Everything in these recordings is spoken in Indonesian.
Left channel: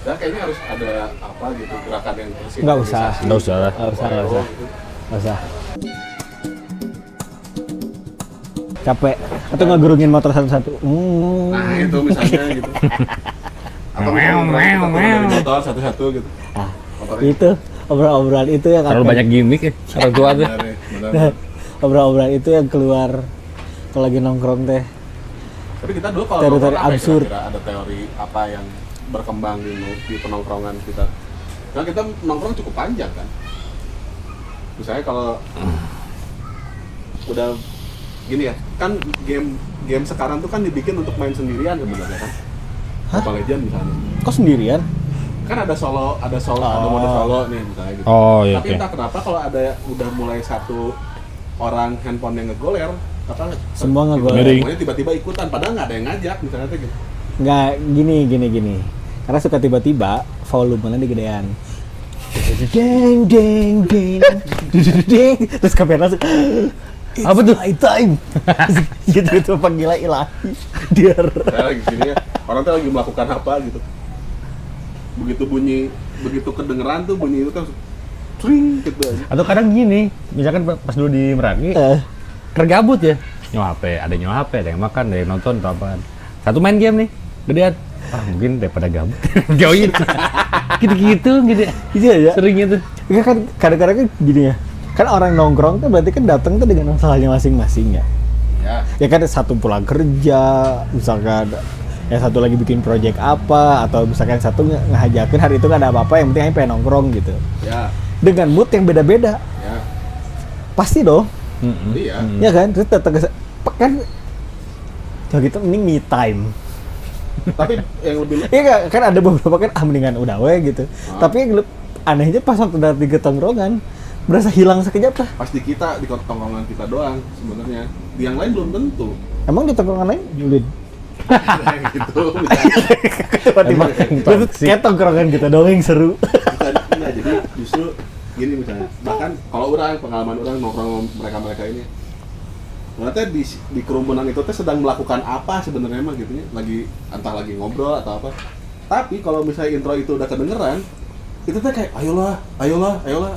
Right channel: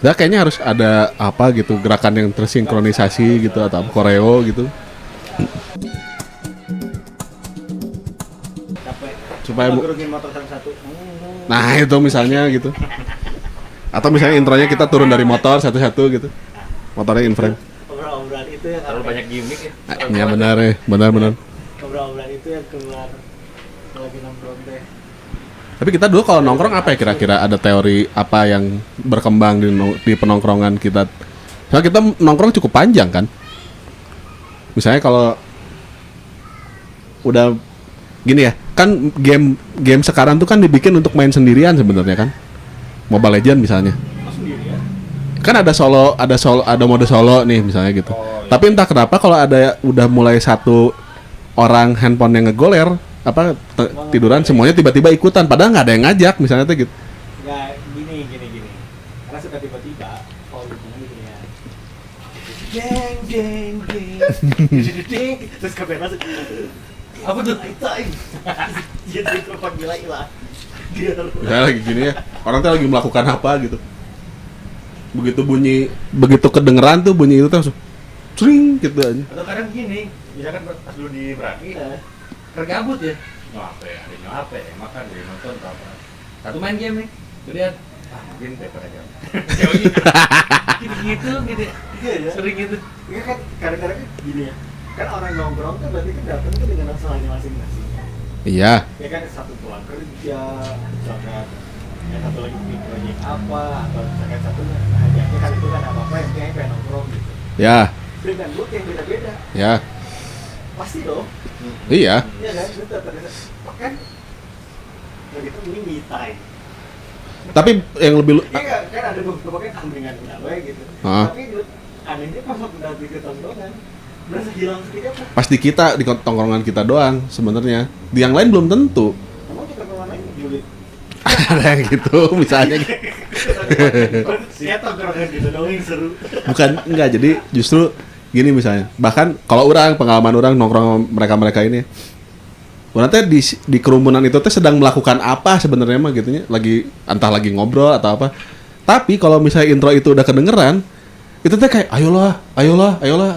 Nah, kayaknya harus ada apa gitu gerakan yang tersinkronisasi Nggak gitu usah, atau nggak koreo gitu. Masa capek Supaya kita ngegerungin motor satu-satu. Nah, itu misalnya gitu. Atau misalnya intronya kita turun dari motor satu-satu gitu. Ah, Motornya itu intro. obrolan itu yang Terlalu banyak gimmick ya. Ya, benar ya, benar. obrolan itu yang keluar kalau lagi nongkrong teh. Tapi kita dulu kalau Teori nongkrong apa ya absurd. kira-kira ada teori apa yang berkembang di penongkrongan kita? Nah, kita nongkrong cukup panjang kan? Misalnya kalau udah gini ya, kan game sekarang tuh kan dibikin untuk main sendirian sebenarnya kan? Mobile Legend misalnya. Kok sendirian? Kan ada mode solo nih misalnya gitu. Oh, iya, Tapi iya. entah kenapa kalau ada udah mulai satu orang handphone yang ngegoler apa Semua tiduran ngegoler. semuanya tiba-tiba ikutan padahal nggak ada yang ngajak misalnya tuh gitu. Nggak, gini. Karena suka tiba-tiba volumenya digedean. Deng deng deng. Deng. Terus kamera langsung apa tuh? Time. Gitu tuh panggilan ilahi. Dia Saya lagi gini ya, orang tuh lagi melakukan apa gitu. Begitu kedengeran tuh bunyi itu tuh langsung sering gitu aja. Atau kadang gini, misalkan pas dulu di Meraki, kergabut ya. Nyoape, ada yang makan, ada yang nonton, atau apa. Satu main game nih, gedean. Mungkin daripada gabut. Jauhnya. Gitu-gitu. Iya ya. Sering itu. Ya kan kadang-kadang kan gini ya. Kan orang nongkrong tuh berarti kan datang tuh dengan masalahnya masing-masing ya. Iya, Ya kan satu pulang kerja, misalkan yang satu lagi bikin project apa, atau misalkan satu ngehajakin hari itu nggak ada apa-apa, yang penting pengen nongkrong gitu. ya, Dengan mood yang beda-beda, ya, pasti dong, iya. ya kan? Terus datang ke kan, ya gitu ini me time. Tapi yang lebih Iya kan ada beberapa kan mendingan udah we gitu. Ah. Tapi yang anehnya pas waktu datang ke tongkrongan berasa hilang sekejap lah. pasti kita di tongkrongan kita doang sebenarnya. Di yang lain belum tentu. Emang di tongkrongan lain Julin? Ada gitu misalnya. Kayak tongkrongan kita doang yang seru. Bukan enggak, jadi justru gini misalnya. Bahkan kalau pengalaman orang nongkrong mereka ini. Orang teh di kerumunan itu teh sedang melakukan apa sebenarnya mah gitunya, entah lagi ngobrol atau apa. Tapi kalau misalnya intro itu udah kedengeran, itu teh kayak ayolah,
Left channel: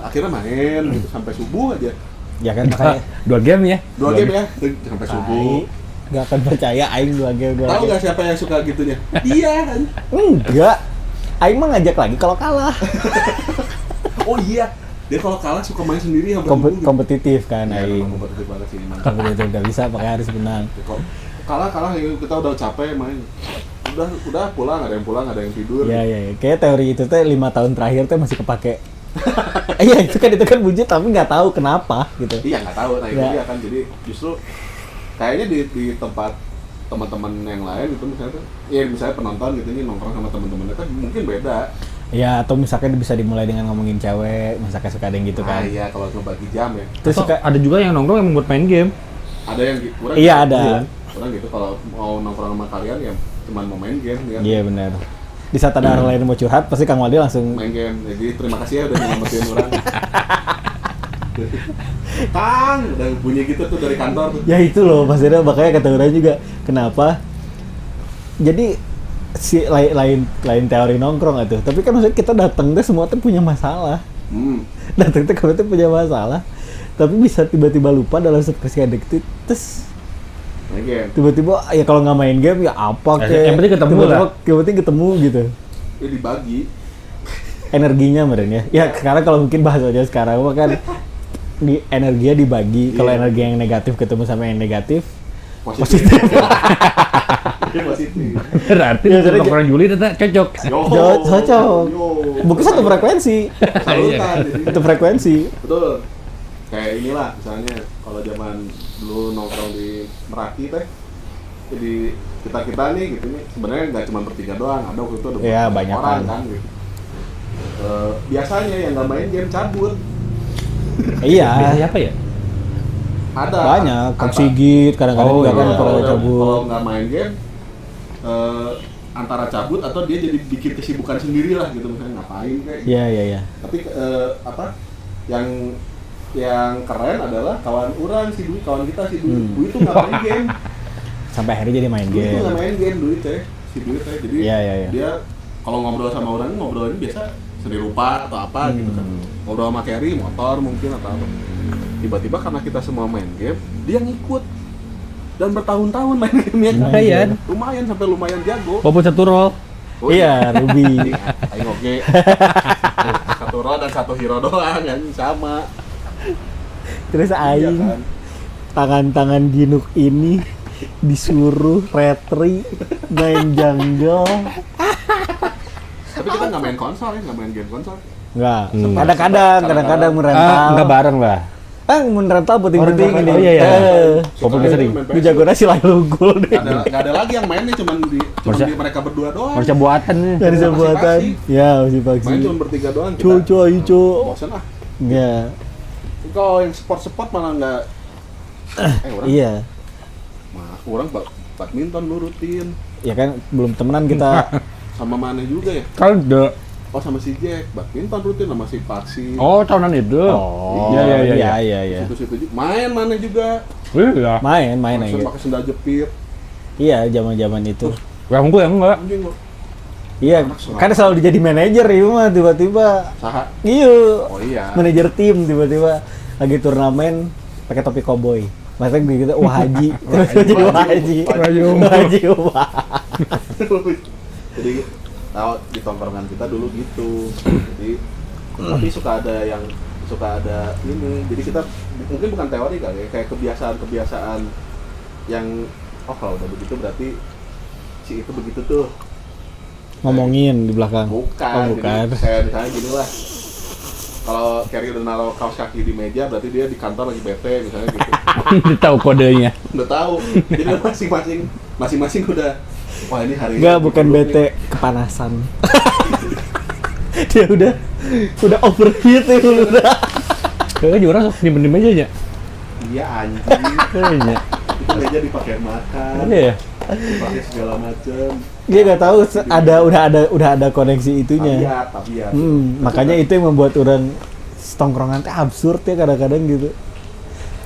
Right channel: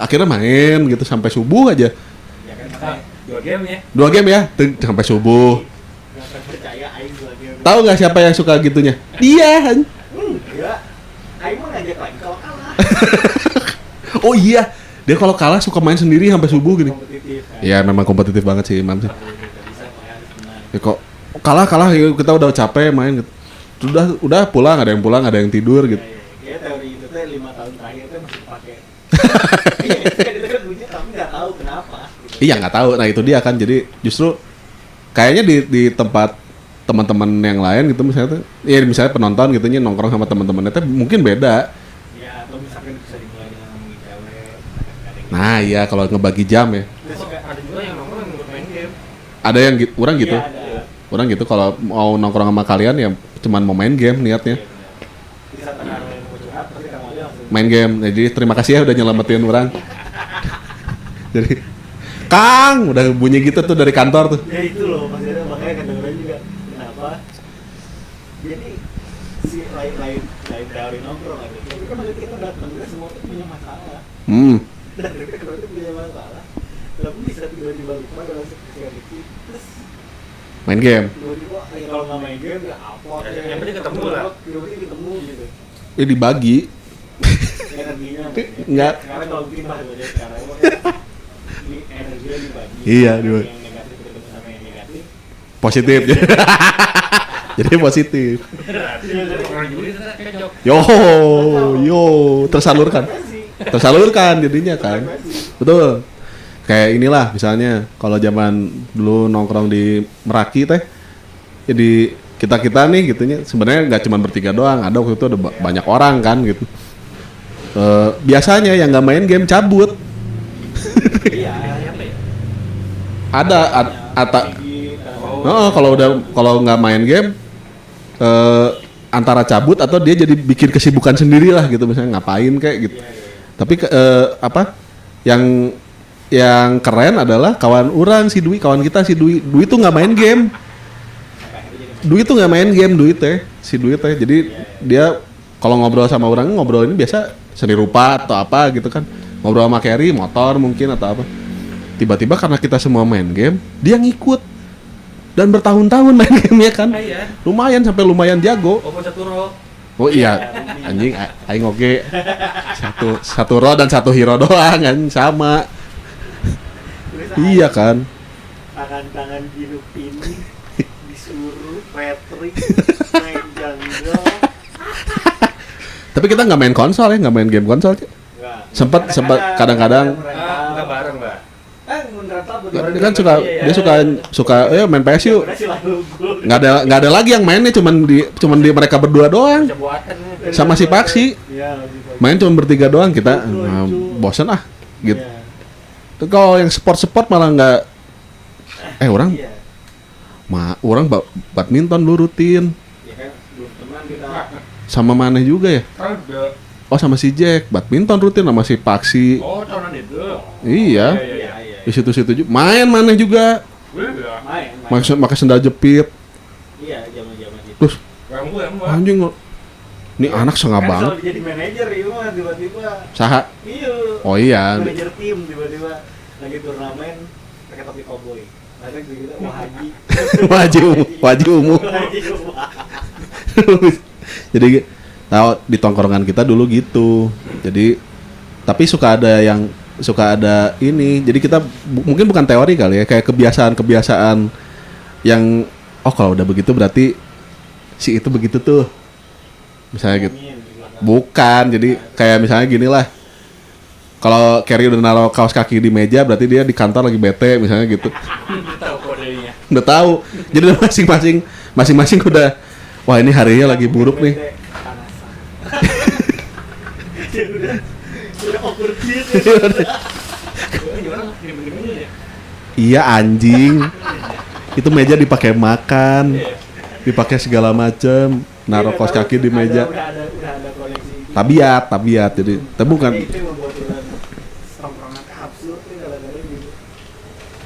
akhirnya main gitu sampai subuh aja. Ya kan makanya 2 game ya. 2 game ya, tuh, sampai subuh. nggak akan percaya Aing 2 game. Tahu nggak siapa yang suka gitunya? Dia. Enggak. Aing mah ngajak lagi kalau kalah. Oh iya, dia kalau kalah suka main sendiri sampai subuh gitu. Kompetitif kan. Ya memang kompetitif banget sih, mantap. Kompetitif nggak bisa pakai harus menang. Ya, kok kalah ya, kita udah capek main gitu. Udah pulang, ada yang tidur gitu. Iya. Kayak teori itu teh 5 tahun terakhir teh masih kepake. Iya itu kan bujuk tapi nggak tahu kenapa gitu. Iya nggak tahu, nah itu Ya. dia kan, jadi justru kayaknya di tempat teman-teman yang lain gitu misalnya tuh, ya misalnya penonton gitu nongkrong sama teman-temannya tuh mungkin beda. Ya atau misalkan bisa dimulai dengan ngomongin cewek, misalkan suka ada yang gitu. Nah iya kalau ngebagi jam ya, Terus Atau suka ada juga yang nongkrong yang buat main game. ada yang gitu, orang gitu. Iya ada. Orang gitu kalau mau nongkrong sama kalian ya cuman mau main game Iya niatnya. benar. Di saat ada orang lain mau curhat, pasti Kang Wadi langsung Main game. Jadi terima kasih ya udah nyelamatin orang. Jadi Kang udah bunyi gitu tuh dari kantor tuh. Ya itu loh, maksudnya makanya kata orang juga kenapa. Jadi si lain teori nongkrong itu. Tapi kan maksudnya kita datang deh semua tuh punya masalah. Datang tuh kalau tuh punya masalah. Tapi bisa tiba-tiba lupa dalam sekian detik terus Main game. tiba-tiba ya kalau nggak main game ya apa kayak yang penting ketemu lah. yang penting ketemu gitu Ini dibagi. energinya mereka ya Ya. sekarang kalau mungkin bahasanya sekarang mah kan energinya dibagi. Iya, Kalau energi betul. yang negatif ketemu sama yang negatif Positif. Jadi positif. Berarti Ya, jadi- nongkrong Juli itu cocok. Yo, Cocok. yo, Bukan tersalurkan. frekuensi Tersalurkan jadinya. itu frekuensi Betul. Kayak inilah misalnya kalau zaman dulu nongkrong di Meraki teh, jadi kita nih gitunya sebenarnya nggak cuma bertiga doang, ada waktu itu ada Iya, banyak banyak orang kan gitu. Biasanya yang nggak main game cabut. iya Apa ya? Ada banyak ata- sigit kadang-kadang Oh, juga Oh, ada kalau udah gabung. kalau nggak main game antara cabut atau dia jadi bikin kesibukan sendiri lah gitu, misalnya ngapain kayak gitu. iya Tapi apa yang keren adalah kawan kawan kita si Dwi. Dwi tuh nggak main game. sampai akhirnya jadi main Dwi game. tuh nggak main game, Dwi teh si Dwi teh. Jadi Iya. dia Kalau ngobrol sama orang ngobrol ini biasa seni rupa atau apa gitu kan. Ngobrol sama Kerry, motor mungkin atau apa. Tiba-tiba karena kita semua main game, dia ngikut. Dan bertahun-tahun main game ya kan. Lumayan jago. Walaupun satu roll. Oh iya, Ruby. aing oke. Satu roll dan satu hero doang kan sama. Terus Iya aing kan. tangan-tangan Ginuk ini disuruh retri main jungle. Tapi kita nggak main konsol ya, nggak main game konsol. Enggak. Sempet kadang-kadang. Enggak bareng lah. Merental putih Orang kan putih. suka, Iya, suka main PS yuk. Gue sih lalu gol. Nggak ada lagi yang mainnya, cuman di mereka berdua doang. Bisa buatan nih. Sama si Paksi. Ya, si Paksi. Main cuma bertiga doang kita. Cu. Bosan ah. Gitu. Iya. Kalau yang sport malah nggak. Orang. Iya. Orang badminton lu rutin. Ya kan belum temenan kita. Sama Maneh juga ya? Ada. Oh sama si Jack, badminton rutin sama si Paksi. Oh, tahunan itu. Iya. Di situ-situ juga. Main Maneh juga. Iya. Main. Pakai sendal jepit. Iya, zaman-zaman itu. Terus Yang gue enggak. anjing lo. Ini Iya, anak sengaja. kan selalu jadi manajer ya mah tiba-tiba. Saha? Iya. Oh iya. Manajer tim tiba-tiba lagi turnamen pakai topi koboi. Maksudnya gitu, wah haji. Wajib umum. Haji umum. Jadi tahu di tongkrongan kita dulu gitu. Jadi tapi suka ada ini. Jadi kita mungkin bukan teori kali ya, kayak kebiasaan yang kalau udah begitu berarti si itu begitu tuh. Misalnya Ngomongin di belakang. Bukan, jadi kayak misalnya gini lah. Kalau Kerry udah naruh kaos kaki di meja, berarti dia di kantor lagi bete, misalnya gitu. Udah tahu kodenya. Udah tahu. Jadi udah masing-masing udah, wah ini harinya lagi buluk nih. Kepanasan. Dia udah overheat itu udah. Kayaknya orang diem-diem aja ya. Iya anjing. Itu meja dipakai makan, Iya. dipakai segala macem. Dia Naruh nggak kaos tahu kaki di meja. udah ada koneksi itu. Tabiat. Jadi, tapi Makanya bukan. itu yang membuat orang tongkrongan teh absurd ya kadang-kadang gitu.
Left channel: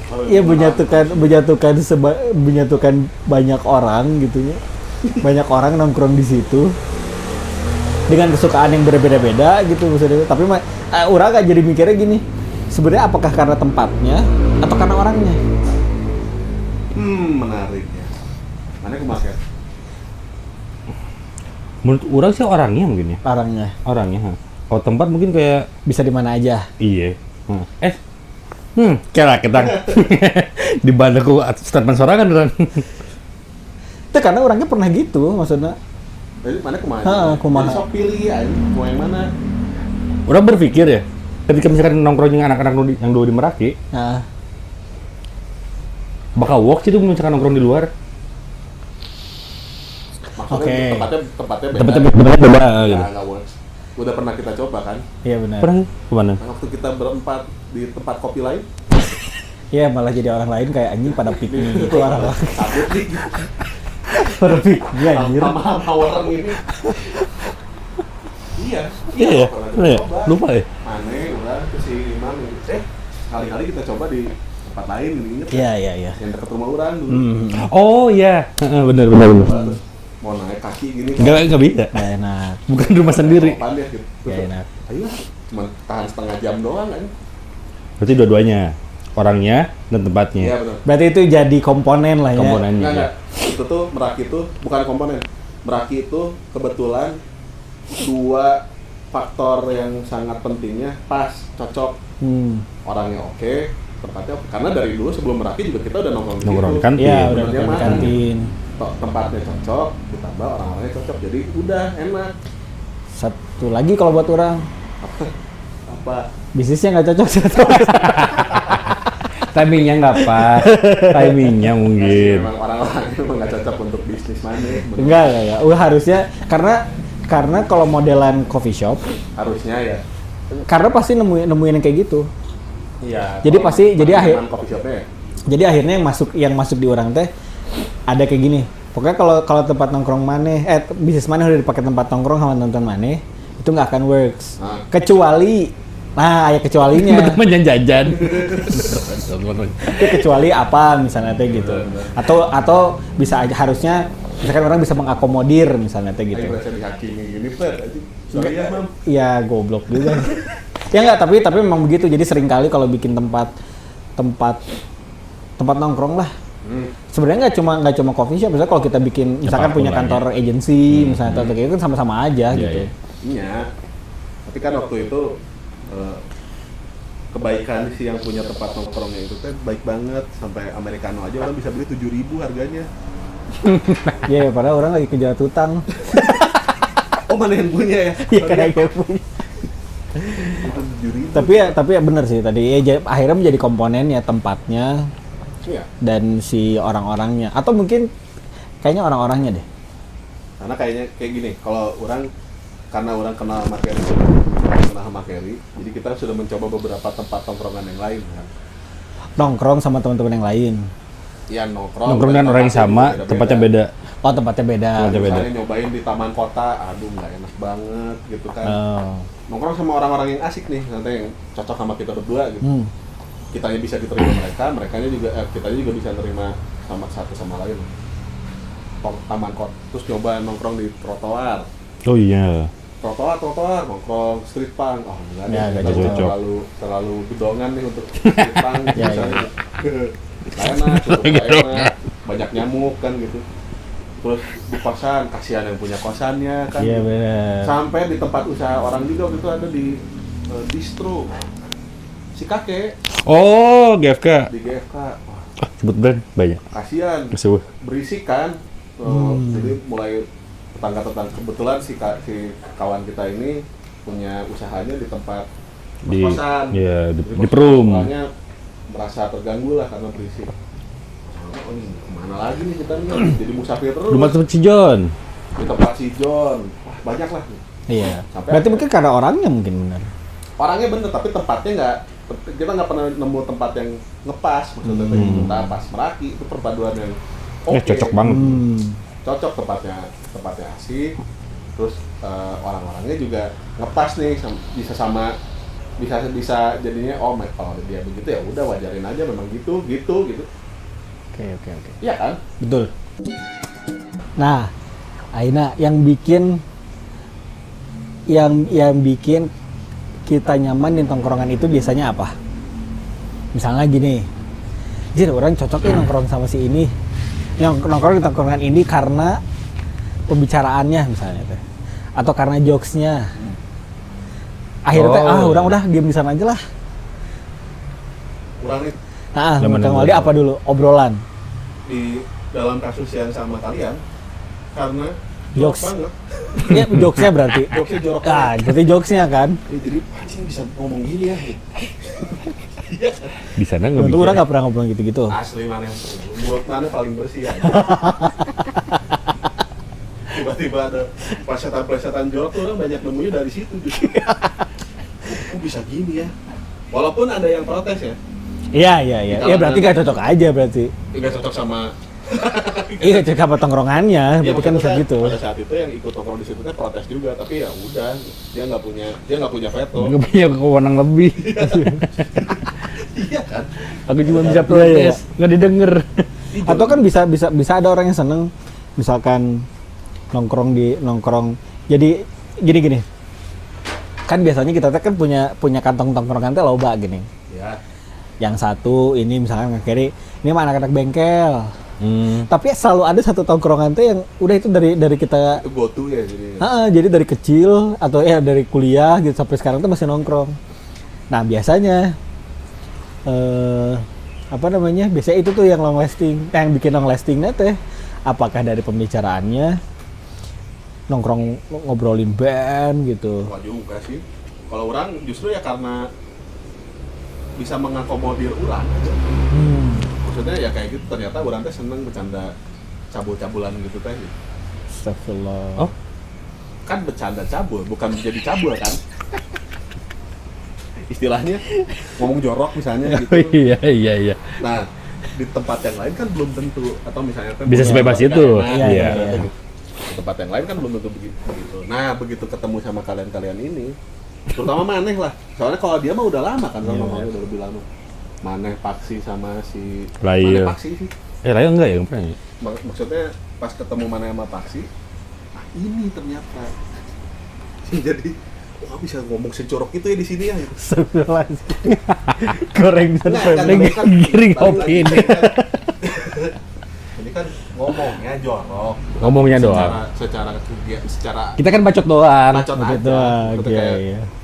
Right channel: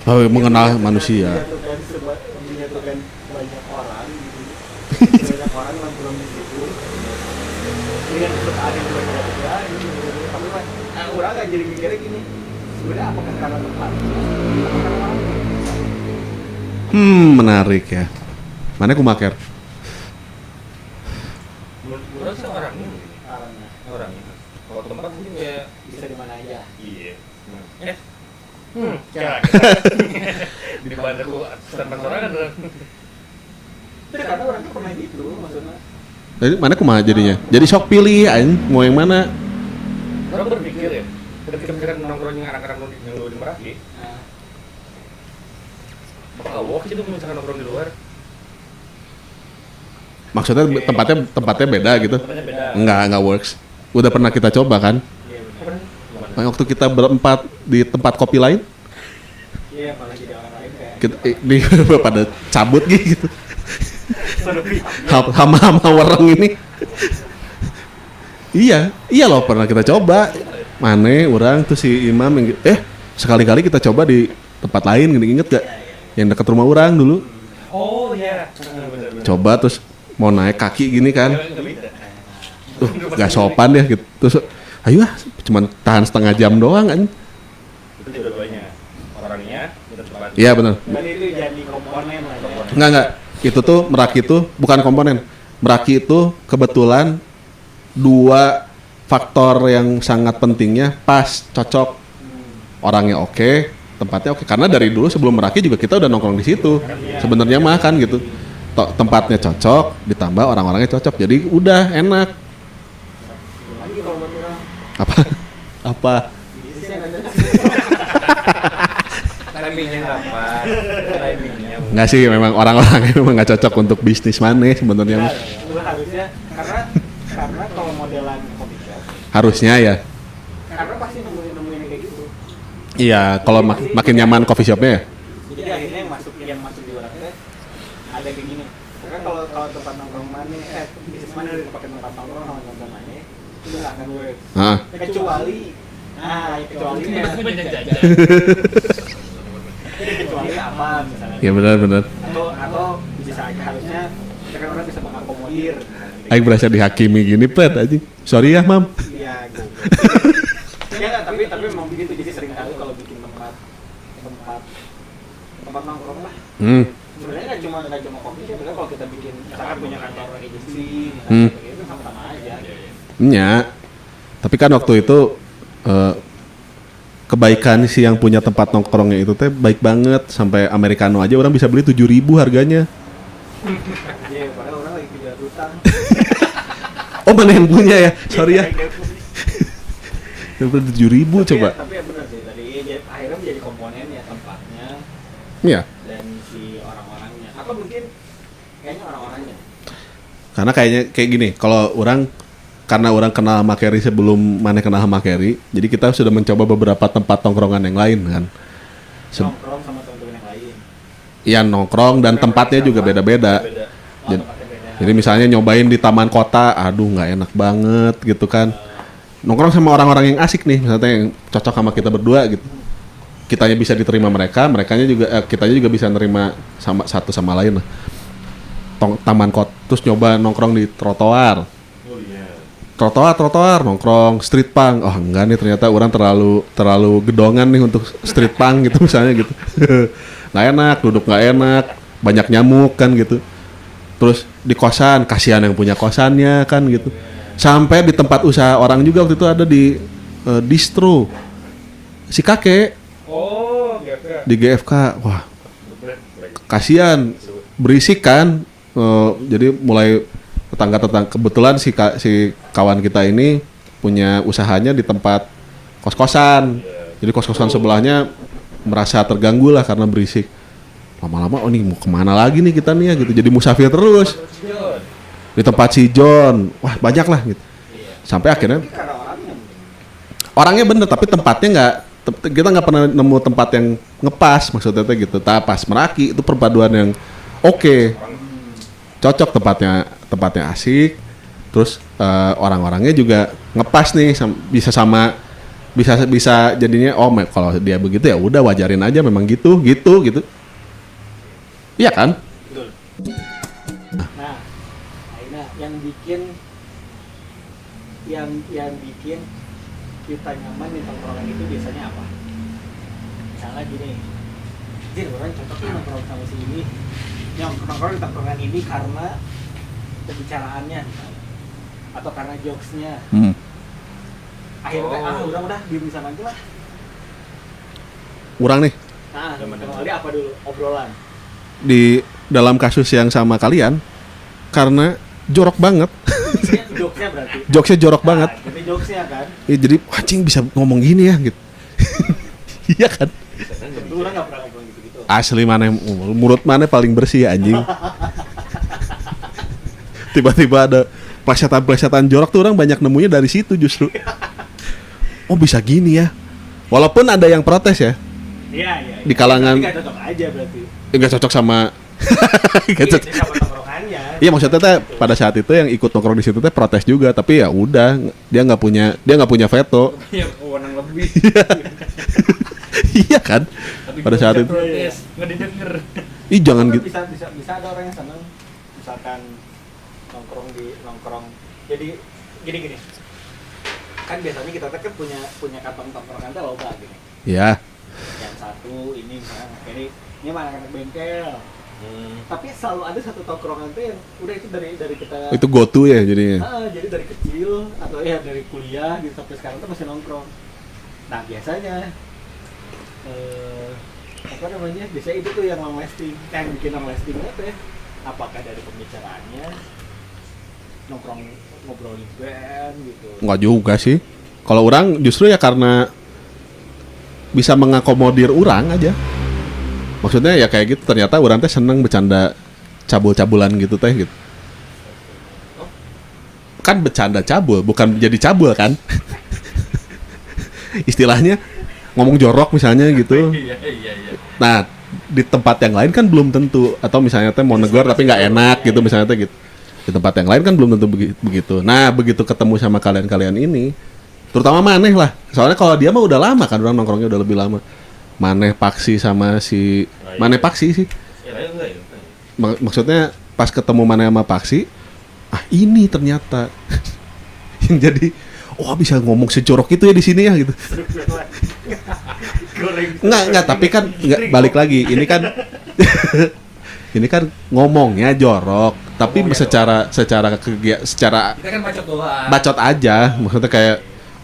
Oh, Ya mengenal manusia. menyatukan banyak orang gitu ya. Banyak orang nongkrong di situ dengan kesukaan yang berbeda-beda gitu misalnya. Tapi orang gak jadi mikirnya gini. Sebenarnya apakah karena tempatnya atau karena orangnya? Menarik ya. Mana aku maker? Menurut orang sih orangnya mungkin ya. Orangnya Kalau tempat mungkin kayak bisa di mana aja. iya. Kira kita di bandaku statement sorangan kan. Itu karena orangnya pernah gitu maksudnya. Jadi mana kumaha jadinya? kumaha. Jadi sok pilih mau yang mana? Orang berpikir ya, ketika misalkan nongkrongnya anak-anak yang dulu di Meraki, Nah, bakal work sih tuh misalkan nongkrong di luar. Maksudnya Oke. tempatnya beda gitu. Beda. Enggak works. Udah pernah kita coba kan? iya benar. Pernah kemana? Waktu kita berempat di tempat kopi lain, Iya malah jadi orang lain kayak anjing kita pada ini pada cabut gitu. Iya, Hama-hama orang ini. Iya loh pernah kita coba. Lupa ya? Mane, orang tuh si Imam yang sekali-kali kita coba di tempat lain, inget gak? Iya. Yang dekat rumah orang dulu. Oh iya, benar. Coba terus mau naik kaki gini kan. Enggak bisa. Nah, Bukan rumah Gak sendiri. sopan ya gitu. Terus ayo cuman tahan setengah jam doang kan. Berarti dua-duanya, orangnya dan tempatnya. Iya benar. berarti itu jadi komponen lah ya. Komponen. Enggak. Itu tuh Meraki itu bukan komponen. Meraki itu kebetulan dua faktor yang sangat pentingnya pas, cocok. Orangnya oke, tempatnya oke. Karena dari dulu sebelum Meraki juga kita udah nongkrong di situ. Nongkrong kan? Iya, Sebenarnya benar, mah kan benar. gitu. Tempatnya cocok, ditambah orang-orangnya cocok. Jadi udah enak. Satu lagi kalau buat orang Apa? bisnisnya nggak cocok. Timingnya nggak pas. Timingnya mungkin. Enggak sih, memang orang-orangnya memang nggak cocok untuk bisnis mana sebetulnya. Enggak. Udah harusnya karena kalau modelan coffee shop Harusnya ya. karena pasti nemuin yang kayak gitu. Iya, Jadi kalau pasti- makin jadi nyaman coffee shopnya ya. Jadi akhirnya yang masuk di orang teh ada kayak gini. Pokoknya kalau tempat nongkrong maneh, bisnis maneh udah dipakai tempat nongkrong sama nonton maneh, itu nggak akan works. Nah. Kecuali, ya kecualinya. Teman-teman jajan-jajan. Itu kecuali apa misalnya teh Iya gitu. benar. Atau bisa aja harusnya Misalkan orang bisa mengakomodir misalnya teh Aing berasa dihakimi gini pet aja. Sorry ya, Mam. Iya, goblok juga. Ya enggak, tapi memang begitu. Jadi sering kali kalau bikin tempat nongkrong lah. Sebenarnya nggak cuma coffee shop, misalnya kalau kita bikin misalkan punya kantor agency, misalnya kayak gitu kan sama-sama aja gitu. Iya. Tapi kan waktu itu kebaikan si yang punya tempat nongkrongnya itu teh baik banget, sampai americano aja orang bisa beli 7.000 harganya. Iya, padahal orang lagi kejar utang. Oh, mana yang punya ya? Sorry ya. Itu 7.000 coba. Tapi ya benar sih tadi. Akhirnya menjadi komponen ya tempatnya. Iya. Dan si orang-orangnya, atau mungkin kayaknya orang-orangnya deh. Karena kayaknya kayak gini, kalau karena orang kenal sama Kerry sebelum mana kenal sama Kerry, jadi kita sudah mencoba beberapa tempat nongkrongan yang lain kan. Nongkrong sama teman-teman yang lain. Iya, nongkrong dan tempatnya juga beda-beda. Tempatnya beda. Jadi misalnya nyobain di taman kota, aduh nggak enak banget gitu kan. Nongkrong sama orang-orang yang asik nih, misalnya yang cocok sama kita berdua gitu. Kitanya bisa diterima mereka, kitanya juga bisa nerima sama satu sama lain lah. Taman kota, terus nyoba nongkrong di trotoar. Oh iya. Trotoar nongkrong street punk. Oh enggak nih, ternyata orang terlalu gedongan nih untuk street punk gitu misalnya gitu. Nggak enak, duduk nggak enak, banyak nyamuk kan gitu. Terus di kosan, kasihan yang punya kosannya kan gitu. Sampai di tempat usaha orang juga waktu itu ada di distro si kakek. Oh, GFK. Di GFK, wah Sebut brand banyak. kasihan, berisik kan. Jadi mulai tetangga-tetangga, kebetulan si kawan kita ini punya usahanya di tempat kos-kosan. Jadi kos-kosan sebelahnya merasa terganggu lah karena berisik. Lama-lama, oh nih mau kemana lagi nih kita nih ya gitu. Jadi musafir terus. Di tempat si John. Wah banyak lah gitu. Iya. Sampai akhirnya mungkin karena orangnya mungkin benar. Orangnya bener, tapi tempatnya kita nggak pernah nemu tempat yang ngepas maksudnya gitu. Nah, pas Meraki itu perpaduan yang oke. Cocok banget. Cocok, tempatnya asik. Terus orang-orangnya juga ngepas nih, bisa jadinya kalau dia begitu ya udah wajarin aja, memang gitu. Oke. Iya kan? Betul. Nah, Aina yang bikin kita nyaman di tongkrongan itu biasanya apa? Misalnya gini, orang cocok nongkrong sama si ini, yang nongkrong di tongkrongan ini karena pembicaraannya misalnya, atau karena jokesnya. Akhirnya udah game di sana aja lah. Kurang nih. Kembali apa dulu obrolan? Di dalam kasus yang sama kalian, karena jorok banget. Jokesnya berarti. Jokesnya jorok banget. Berarti jokesnya kan. Ya, jadi anjing bisa ngomong gini ya gitu. Iya kan? Di sana nggak bisa. Orang nggak pernah ngobrol gitu-gitu. Asli mulut mana paling bersih anjing. Tiba-tiba ada plesetan jorok tuh orang banyak nemunya dari situ justru. Oh bisa gini ya. Walaupun ada yang protes ya. Iya. Di kalangan. Berarti nggak cocok aja berarti. Nggak cocok sama. Iya, sama tongkrongannya. Iya maksudnya teh gitu. pada saat itu yang ikut nongkrong di situ teh protes juga, tapi ya udah dia nggak punya veto. Nggak punya kewenangan lebih. Iya kan? Pada saat itu protes, nggak didengar. Atau kan bisa ada orang yang seneng, misalkan nongkrong. Jadi gini. Kan biasanya kita kan punya kantong tongkrongan teh loba gini. Iya. Yang satu ini misalnya kiri, ini mah anak-anak bengkel. Tapi selalu ada satu tongkrongan tuh yang udah itu dari kita itu go to ya jadinya. Jadi dari kecil atau ya dari kuliah gitu sampai sekarang tuh masih nongkrong. Nah biasanya biasanya itu tuh yang long lasting, yang bikin long lastingnya teh apakah dari pembicaraannya, nongkrong ngobrolin band gitu. Nggak juga sih. Kalau orang justru ya karena bisa mengakomodir orang aja. Maksudnya ya kayak gitu, ternyata orang teh seneng bercanda cabul-cabulan gitu teh gitu. Astagfirullah. Oh. Kan bercanda cabul, bukan jadi cabul kan? Istilahnya ngomong jorok misalnya gitu. Iya. Nah, di tempat yang lain kan belum tentu, atau misalnya teh mau Bisa tapi nggak enak gitu iya. misalnya teh gitu. Di tempat yang lain kan belum tentu begitu. Nah, begitu ketemu sama kalian ini, terutama Maneh lah. Soalnya kalau dia mah udah lama kan, orang nongkrongnya udah lebih lama. Maneh Paksi sama si Maneh Paksi sih. Raya enggak ya? Maksudnya pas ketemu mana sama Paksi, ini ternyata yang jadi bisa ngomong sejorok itu ya di sini ya gitu. Goreng. Enggak, tapi kan balik lagi. Ini kan ngomongnya jorok, tapi Ngomongnya secara kita kan bacot doang. bacot aja. Maksudnya kayak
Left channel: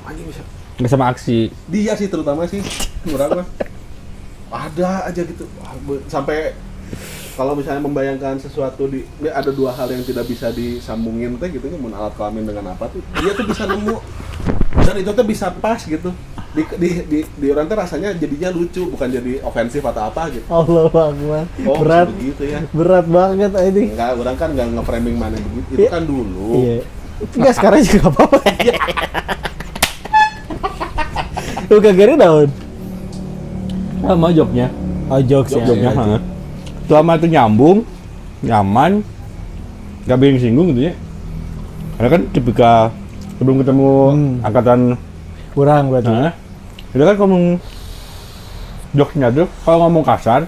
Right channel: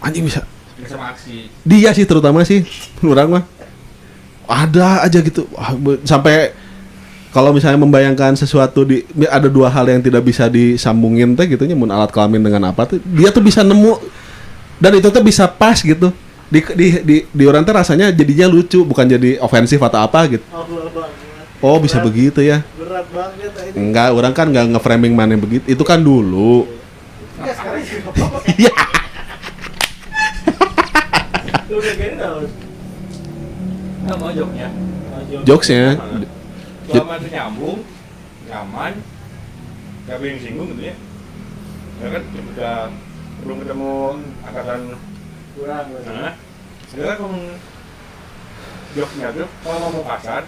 anjing bisa nggak sama aksi. dia sih terutama sih orang mah ada aja gitu. Sampai kalau misalnya membayangkan sesuatu ada dua hal yang tidak bisa disambungin teh gitunya, mun alat kelamin dengan apa tuh dia tuh bisa nemu dan itu tuh bisa pas gitu di orang tuh rasanya jadinya lucu bukan jadi ofensif atau apa gitu. Allah Akbar. Oh bisa begitu ya. Berat banget ini. Enggak, orang kan nggak nge-framing mana begitu. Itu kan dulu. Iya. Enggak sekarang juga apa-apa. Lu kagak daun. Sama joknya. Oh, Jokesnya. Selama itu nyambung, nyaman, gak bikin singgung gitu ya. Karena kan tipikal sebelum ketemu angkatan kurang berarti. Udah kan ngomong jokesnya tuh, kalau ngomong kasar,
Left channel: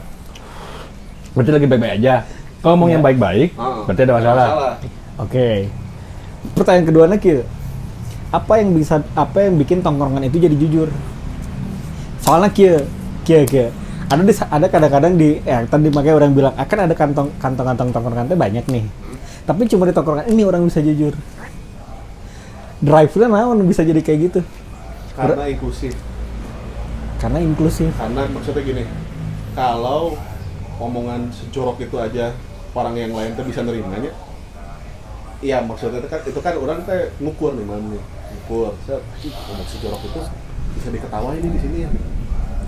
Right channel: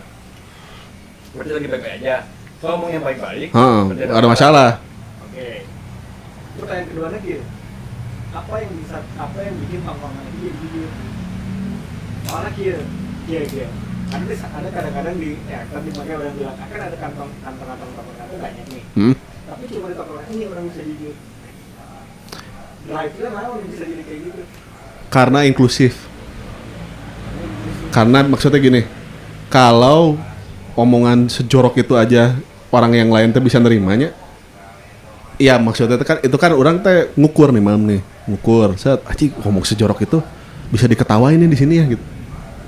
berarti lagi baik-baik aja. Kalau ngomong yang baik-baik, berarti ada masalah. Oke. Pertanyaan kedua lagi, apa yang bikin tongkrongan itu jadi jujur? Soalnya kia. Ada kadang-kadang tadi makanya orang bilang akan ada kantong-kantong tongkrongan itu banyak nih. Tapi cuma di tongkrongan ini orang bisa jujur. Drive-nya naon bisa jadi kayak gitu? Karena inklusif. Karena maksudnya gini, kalau omongan sejorok itu aja orang yang lain tuh bisa nerimanya, ya maksudnya itu kan orang teh ngukur nih ngomong sejorok itu bisa diketawain nih di sini ya gitu.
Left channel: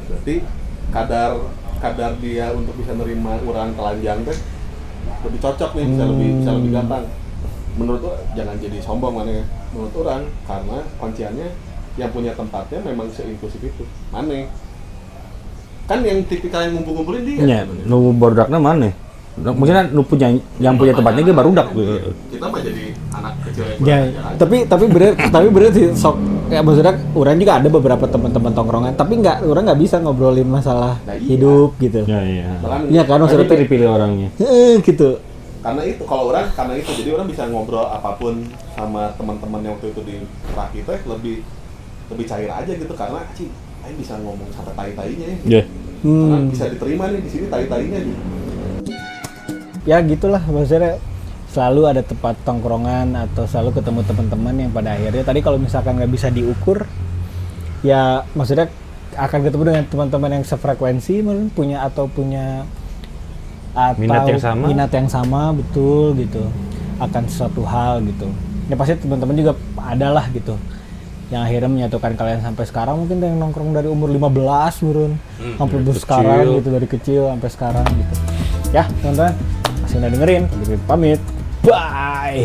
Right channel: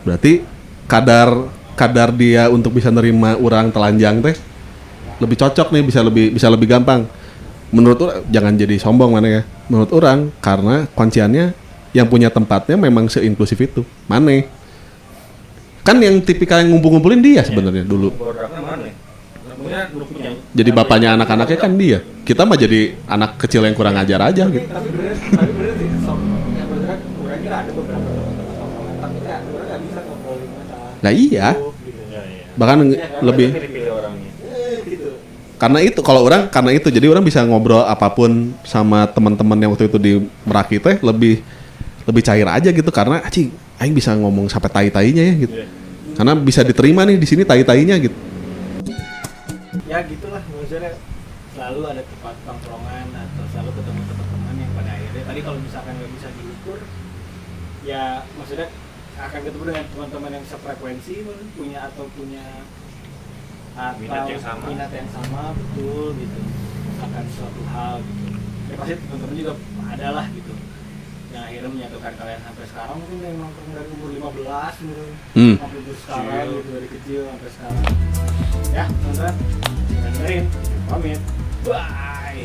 Berarti kadar dia untuk bisa nerima orang telanjang teh lebih cocok nih, bisa lebih gampang. Menurut orang jangan jadi sombong mana ya. Menurut orang karena kunciannya yang punya tempatnya memang seinklusif itu. Mana? Kan yang tipikal yang ngumpul-ngumpulin dia sebenarnya. Dulu bordaknya mana? Maksudnya lu punya jadi bapaknya anak-anaknya kan dia. Kita mah jadi anak kecil yang kurang ajar aja. Tapi berarti sok ya maksudnya orang juga ada beberapa teman-teman tongkrongan, tapi orang nggak bisa ngobrolin masalah hidup gitu. Iya. Bahkan kan lebih dipilih orangnya. Gitu. Karena itu jadi orang bisa ngobrol apapun sama teman-teman yang waktu itu di Meraki teh lebih cair aja gitu karena aing bisa ngomong sampai tai-tainya ya gitu. Karena bisa diterima nih di sini tai-tainya gitu. Ya gitulah maksudnya selalu ada tempat tongkrongan atau selalu ketemu teman-teman yang pada akhirnya tadi kalau misalkan nggak bisa diukur ya maksudnya akan ketemu dengan teman-teman yang sefrekuensi mungkin punya minat yang sama betul gitu akan sesuatu hal gitu ya pasti teman-teman juga ada lah gitu yang akhirnya menyatukan kalian sampai sekarang mungkin yang nongkrong dari umur 15 turun sampai sekarang gitu dari kecil sampai sekarang gitu. Ya teman-teman masih udah dengerin pamit bye.